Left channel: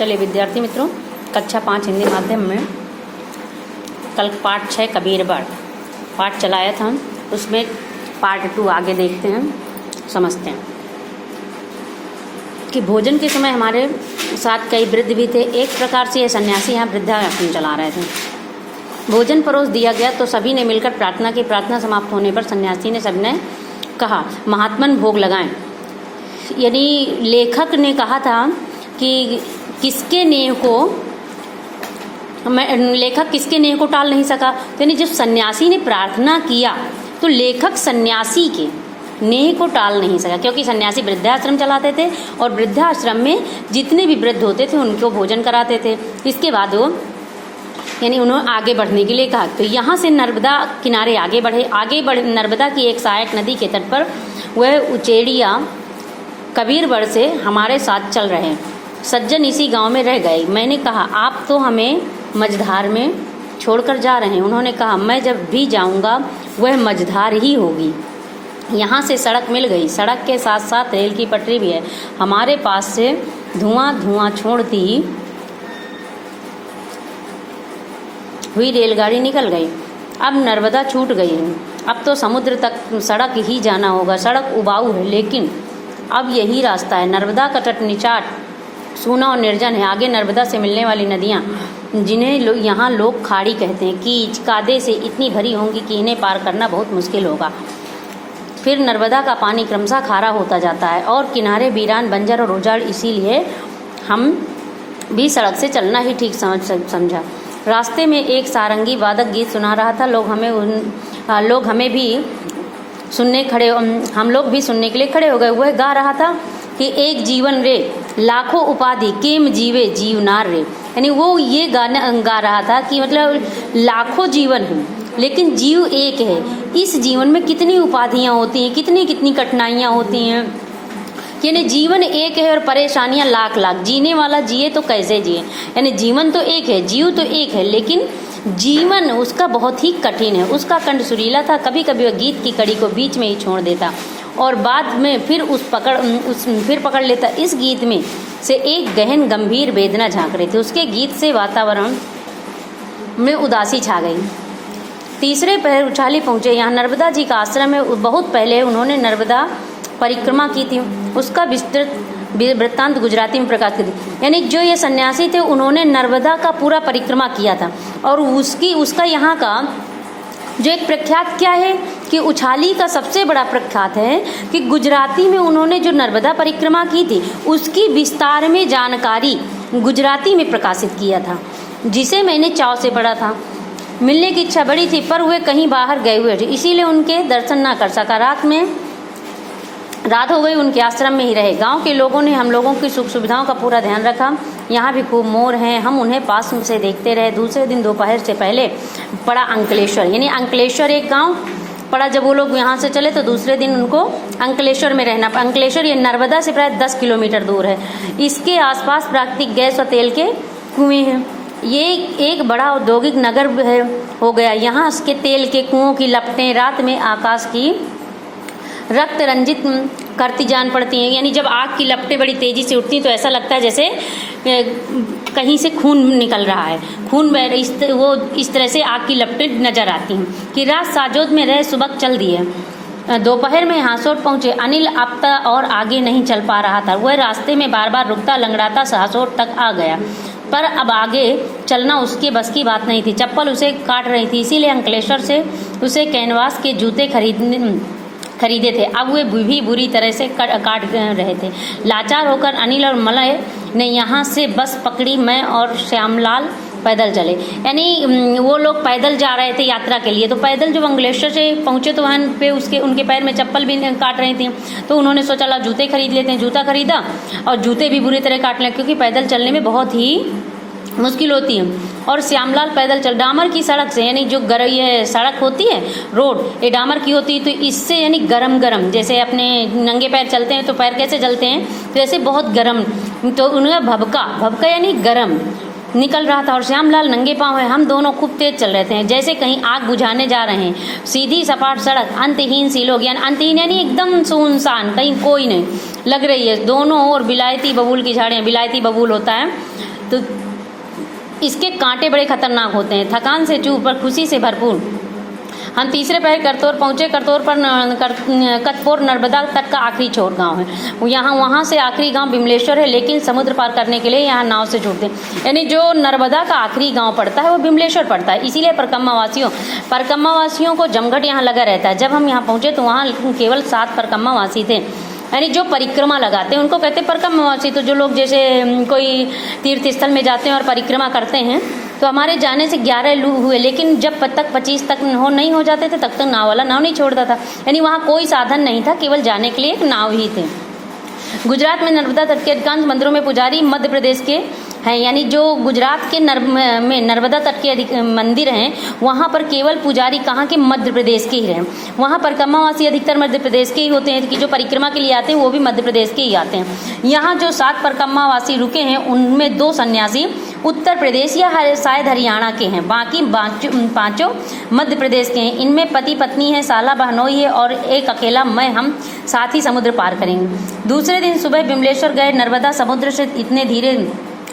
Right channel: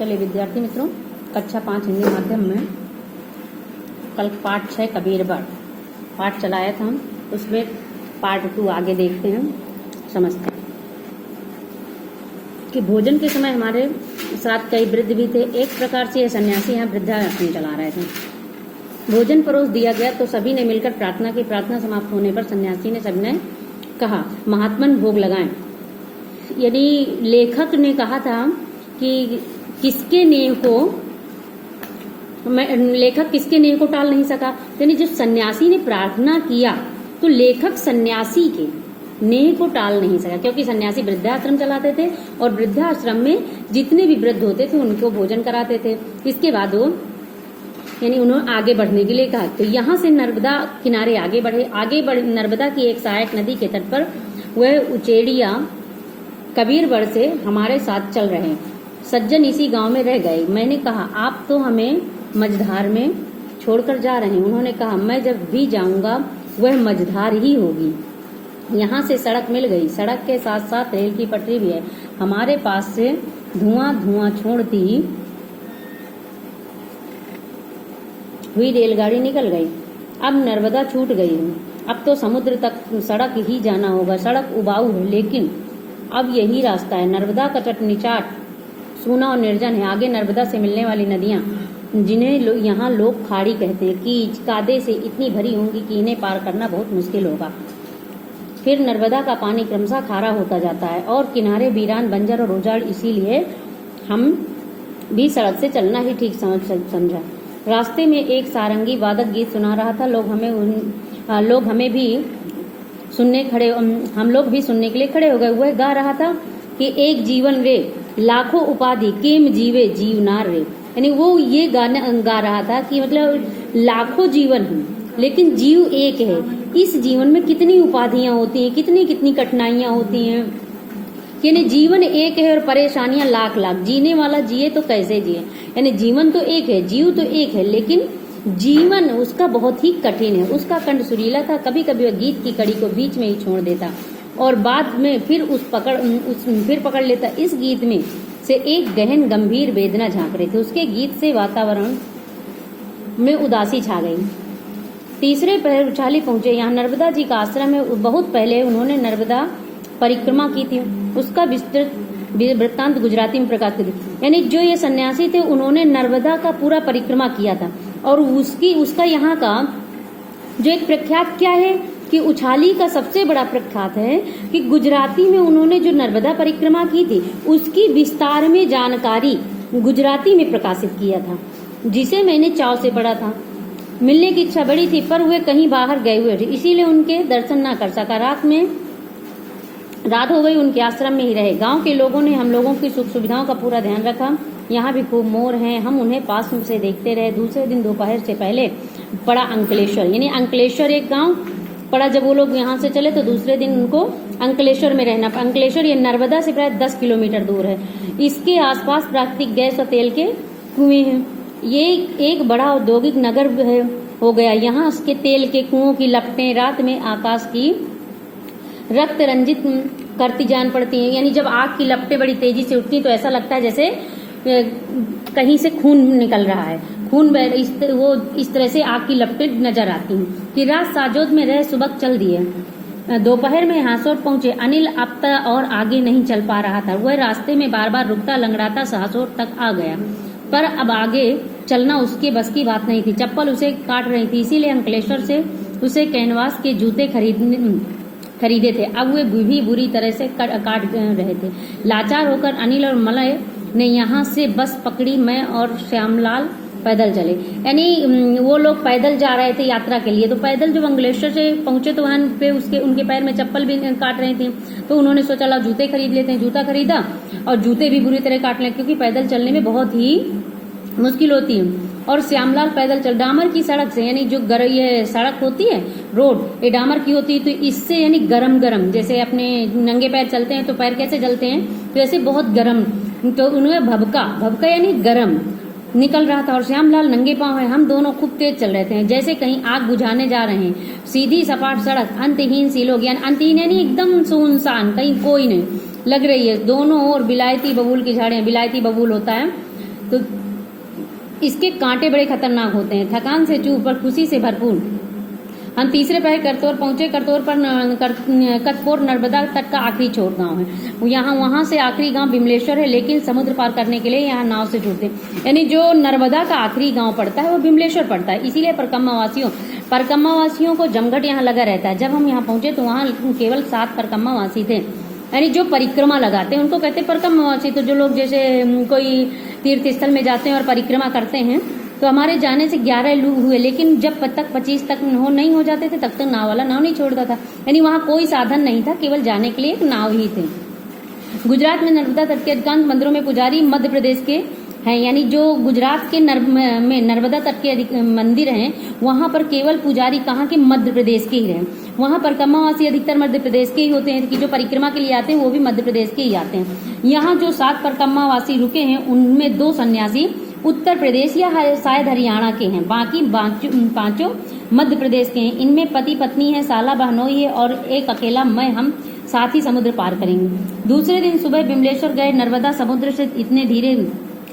चलिए विद्यार्थी मित्रों, कक्षा 5 हिंदी माध्यम में कल पाठ 6 कबीरवाड़ पाठ चलाया था। उसमें पार्ट 2 आगे देखते हैं, समझते हैं कि भोजन के समय हमारे साथ कई वृद्ध भी थे। एक प्रकार से ये सन्यासी यहाँ वृद्धाश्रम चला रहे थे। भोजन परोस दिया गया तो सभी ने मिलकर प्रार्थना की। प्रार्थना समाप्त होने पर सन्यासी ने सबने कहा, महात्मन भोग लगाएं। यानी लेखक ने कहा था कि किसके नेह को लेखक किसके नेह को टाल नहीं सका। तो यानी जब सन्यासी ने प्रार्थना किया तो लेखक सन्यासी के नेह को टाल नहीं सका, क्योंकि सन्यासी वृद्धाश्रम चलाते थे और वृद्धाश्रम में जितने भी वृद्ध होते थे उनको भोजन कराते थे। इसके बाद वो यानी उन्होंने आगे बढ़ने के लिए कहा। तो यहाँ से नर्मदा किनारे आगे बढ़े। नर्मदा की एक सहायक नदी के तट पर वह उचेड़िया कबीरवाड़ से हमारे साथ चल रहे। सज्जन इसी गांव में रह गए। मैंने कहा, आप तो हमें मझधार में छोड़कर जा रहे हैं। उन्होंने कहा, मैं जब भी जाऊंगा वह मझधार ही होगी। यहाँ से सड़क मिल गई। सड़क के साथ साथ रेल की पटरी भी है। हमारे पास से धुआं छोड़ती हुई रेलगाड़ी निकल गई। अब नर्मदा छूट गई है। अब तो समुद्र तक सड़क ही जाना होगा। सड़क उबाऊ है, लेकिन अब यही रास्ता है। नर्मदा का तट निचाट सूना और निर्जन है। आगे नर्मदा से मिलने वाली नदियाँ, जिन्हें यहाँ लोग खाड़ी कहते हैं, कीच कादे से इतनी भरी होंगी कि इन्हें पार करना बहुत मुश्किल होगा। फिर नर्मदा का पानी क्रमशः खारा होता जाता है और किनारे वीरान बंजर और उजाड़। इसीलिए हम भी सड़क से चलना ही ठीक समझा। रास्ते में एक सारंगी वादक गीत सुना रहा था। हम लोग भी सुनने के लिए खड़े हो गए। वह गा रहा था कि एक जीवन रे लाखों उपाधि केम जीवे जीवनार रे। यानी वो ये गाना गा रहा था कि मतलब लाखों जीवन हैं लेकिन जीव एक है। इस जीवन में कितनी उपाधियां होती हैं, कितनी कठिनाइयां होती हैं, यानी जीवन एक है और परेशानियां लाख लाख। जीने वाला जिए तो कैसे जिए। यानी जीवन तो एक है, जीव तो एक है, लेकिन जीवन उसका बहुत ही कठिन है। उसका कंठ सुरीला था। कभी कभी वह गीत की कड़ी को बीच में ही छोड़ देता और बाद में फिर फिर पकड़ लेता। इस गीत में से एक गहन गंभीर वेदना झांक रही थी। उसके गीत से वातावरण में उदासी छा गई। तीसरे पहर उछाली पहुंचे। यहाँ नर्मदा जी का आश्रम है। बहुत पहले उन्होंने नर्मदा परिक्रमा की थी। उसका विस्तृत वृत्तांत गुजराती में प्रकाशित की। यानी जो ये सन्यासी थे उन्होंने नर्मदा का पूरा परिक्रमा किया था और उसका यहाँ का जो एक प्रख्यात क्या है कि उछाली का सबसे बड़ा प्रख्यात है कि गुजराती में उन्होंने जो नर्मदा परिक्रमा की थी उसकी विस्तार में जानकारी गुजराती में प्रकाशित किया था, जिसे मैंने चाव से पढ़ा था। मिलने की इच्छा बड़ी थी पर वे कहीं बाहर गए हुए थे, इसीलिए उनके दर्शन ना कर सका। रात हो गई, उनके आश्रम में ही रहे। गांव के लोगों ने हम लोगों की सुख सुविधाओं का पूरा ध्यान रखा। यहाँ भी खूब मोर हैं। हम उन्हें पास से देखते रहे। दूसरे दिन दोपहर से पहले पड़ा अंकलेश्वर। यानी अंकलेश्वर एक गांव पड़ा। जब वो लोग यहाँ से चले तो दूसरे दिन उनको अंकलेश्वर में रहना। अंकलेश्वर ये नर्मदा से प्राय 10 किलोमीटर दूर है। इसके आसपास प्राकृतिक गैस और तेल के कुएं हैं। ये एक बड़ा औद्योगिक नगर हो गया। यहाँ इसके तेल के कुओं की लपटें रात में आकाश की रक्त रंजित करती जान पड़ती हैं। यानी जब आग की लपटें बड़ी तेजी से उठती तो ऐसा लगता है जैसे कहीं से खून निकल रहा है। इस तरह से आग की लपटें नजर आती हैं कि रात साजोद में रह सुबह चल दी है। दोपहर में हासोट पहुंचे। अनिल आपता और आगे नहीं चल पा रहा था। वह रास्ते में बार बार रुकता लंगड़ाता हासोट तक आ गया, पर अब आगे चलना उसके बस की बात नहीं थी। चप्पल उसे काट रही थी, इसीलिए अंकलेश्वर से उसे कैनवास के जूते खरीदे थे। अब वे भी बुरी तरह से काट रहे थे। लाचार होकर अनिल और मलय ने यहाँ से बस पकड़ी। मैं और श्यामलाल पैदल चले। यानी वो लोग पैदल जा रहे थे यात्रा के लिए। तो पैदल जब अंकलेश्वर से पहुंचे तो वहाँ पे उनके पैर में चप्पल भी काट रही थी। तो उन्होंने सोचा ला जूते खरीद लेते हैं। जूता खरीदा और जूते भी बुरी तरह काट लें, क्योंकि पैदल चलने में बहुत ही मुश्किल होती है। और श्यामलाल पैदल चल डामर की सड़क से, यानी जो ये सड़क होती है रोड, ये डामर की होती है, तो इससे यानी गरम जैसे अपने नंगे पैर चलते हैं तो पैर कैसे जलते हैं, तो ऐसे बहुत गरम। तो उन्हें भबका यानी गरम निकल रहा था और श्यामलाल नंगे पांव है। हम दोनों खूब तेज चल रहे थे, जैसे कहीं आग बुझाने जा रहे हैं। सीधी सपाट सड़क, अंतहीन सी लोग, यानी अंतहीन यानी एकदम सुनसान, कहीं कोई नहीं लग रही है। दोनों ओर बिलायती बबूल की झाड़ियाँ, बिलायती बबूल होता है तो इसके कांटे बड़े खतरनाक होते हैं। थकान से चूर पर खुशी से भरपूर हम तीसरे पहर करतौर पहुँचे। करतौर पर कतपोर नर्मदा तट का आखिरी छोर गांव है। यहाँ वहाँ से आखिरी गांव बिमलेश्वर है, लेकिन समुद्र पार करने के लिए यहाँ नाव से जुड़ते हैं। यानी जो नर्मदा का आखिरी गांव पड़ता है वो बिमलेश्वर पड़ता है। इसीलिए परकम्मा वासियों को जमघट यहाँ लगा रहता है। जब हम यहाँ पहुँचे तो वहाँ केवल 7 परकम्मा वासी थे, यानी जो परिक्रमा लगाते हैं उनको कहते हैं परिक्रमावासी। तो जो लोग जैसे कोई तीर्थ स्थल में जाते हैं और परिक्रमा करते हैं, तो हमारे जाने से 11 लोग हुए, लेकिन जब तक 25 तक नहीं हो जाते थे तब तक नाव वाला नाव नहीं छोड़ता था। यानी वहाँ कोई साधन नहीं था, केवल जाने के लिए एक नाव ही थे। गुजरात में नर्मदा तट के अधिकांश मंदिरों में पुजारी मध्य प्रदेश के हैं। यानी जो गुजरात के में नर्मदा तट के मंदिर हैं, वहाँ पर केवल पुजारी कहाँ के? मध्य प्रदेश के ही रहे। वहाँ परिक्रमावासी अधिकतर मध्य प्रदेश के ही होते हैं, कि जो परिक्रमा के लिए आते हैं वो भी मध्य प्रदेश के ही आते हैं। यहाँ जो 7 परिक्रमावासी रुके हैं उनमें 2 सन्यासी उत्तर प्रदेश या शायद हरियाणा के हैं, बाकी 5 मध्य प्रदेश के हैं। इनमें पति पत्नी है, साला बहनोई है और एक अकेला मैं, हम साथ ही समुद्र पार करेंगे। दूसरे दिन सुबह बिमलेश्वर गए। नर्मदा समुद्र से इतने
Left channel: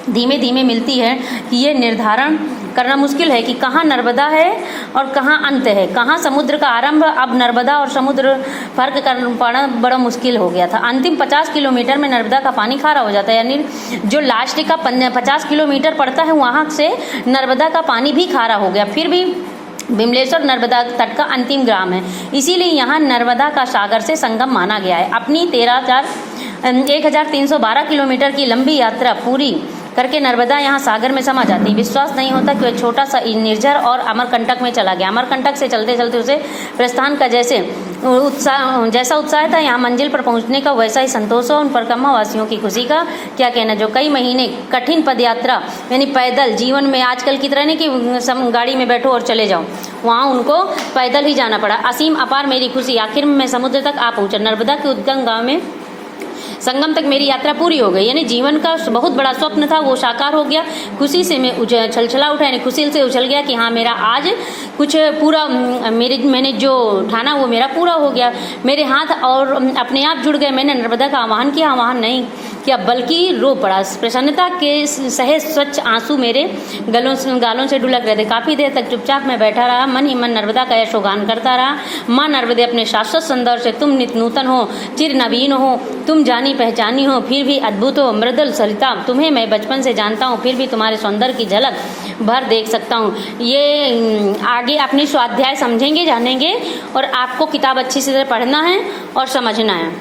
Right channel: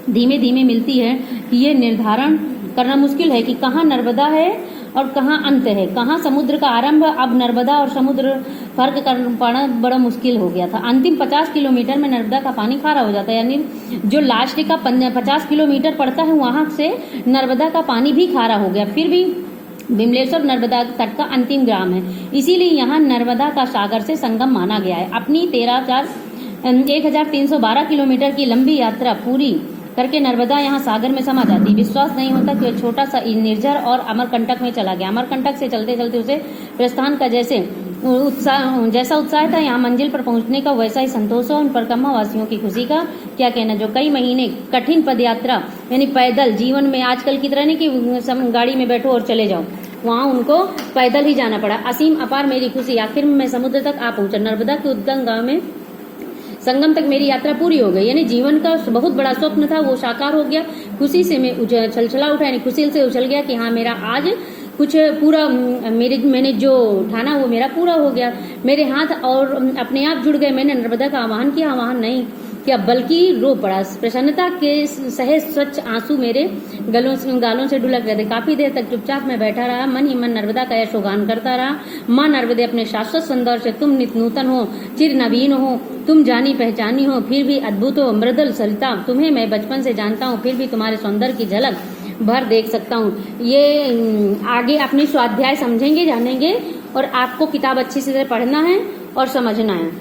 धीमे धीमे मिलती है कि ये निर्धारण करना मुश्किल है कि कहाँ नर्मदा है और कहाँ अंत है, कहाँ समुद्र का आरंभ। अब नर्मदा और समुद्र फर्क कर पाना बड़ा मुश्किल हो गया था। अंतिम 50 किलोमीटर में नर्मदा का पानी खारा हो जाता है, यानी जो लास्ट का 50 किलोमीटर पड़ता है वहाँ से नर्मदा का पानी भी खारा हो गया। फिर भी बिमलेश्वर नर्मदा तट का अंतिम ग्राम है, इसीलिए यहाँ नर्मदा का सागर से संगम माना गया है। अपनी 1312 किलोमीटर की लंबी यात्रा पूरी करके नर्मदा यहाँ सागर में समा जाती है। विश्वास नहीं होता कि वह छोटा सा निर्झर और अमरकंटक में चला गया। अमरकंटक से चलते चलते उसे प्रस्थान का जैसा उत्साह था, यहाँ मंजिल पर पहुँचने का वैसा ही संतोष हो। उन परिक्रमा वासियों की खुशी का क्या कहना, जो कई महीने कठिन पदयात्रा यानी पैदल जीवन में आजकल की तरह नहीं कि गाड़ी में बैठो और चले जाओ, वहाँ उनको पैदल ही जाना पड़ा। असीम अपार मेरी खुशी, आखिर में मैं समुद्र तक आ पहुँचा। नर्मदा के उद्गम गाँव में संगम तक मेरी यात्रा पूरी हो गई। यानी जीवन का बहुत बड़ा स्वप्न था वो साकार हो गया। खुशी से मैं छलछला उठा, यानी खुशी से उछल गया कि हाँ मेरा आज कुछ पूरा मैंने जो ठाना वो मेरा पूरा हो गया। मेरे हाथ और अपने आप जुड़ गए। मैंने नर्मदा का आह्वान किया, आह्वान नहीं किया बल्कि रो पड़ा। प्रसन्नता के सहे स्वच्छ आंसू मेरे गालों से ढुलक रहे थे। काफ़ी देर तक चुपचाप मैं बैठा रहा, मन ही मन नर्मदा का यशोगान करता रहा। माँ नर्मदे अपने शाश्वत सौंदर्य से तुम नित नूतन हो, चिर नवीन हो, तुम जानी पहचानी हो, फिर भी अद्भुत हो, मृदुल सरिता। तुम्हें मैं बचपन से जानता हूँ, फिर भी तुम्हारे सौंदर्य की झलक भर देख सकता हूँ। ये आगे अपनी स्वाध्याय समझेंगे, जानेंगे, और आपको किताब अच्छी से पढ़ना है और समझना है।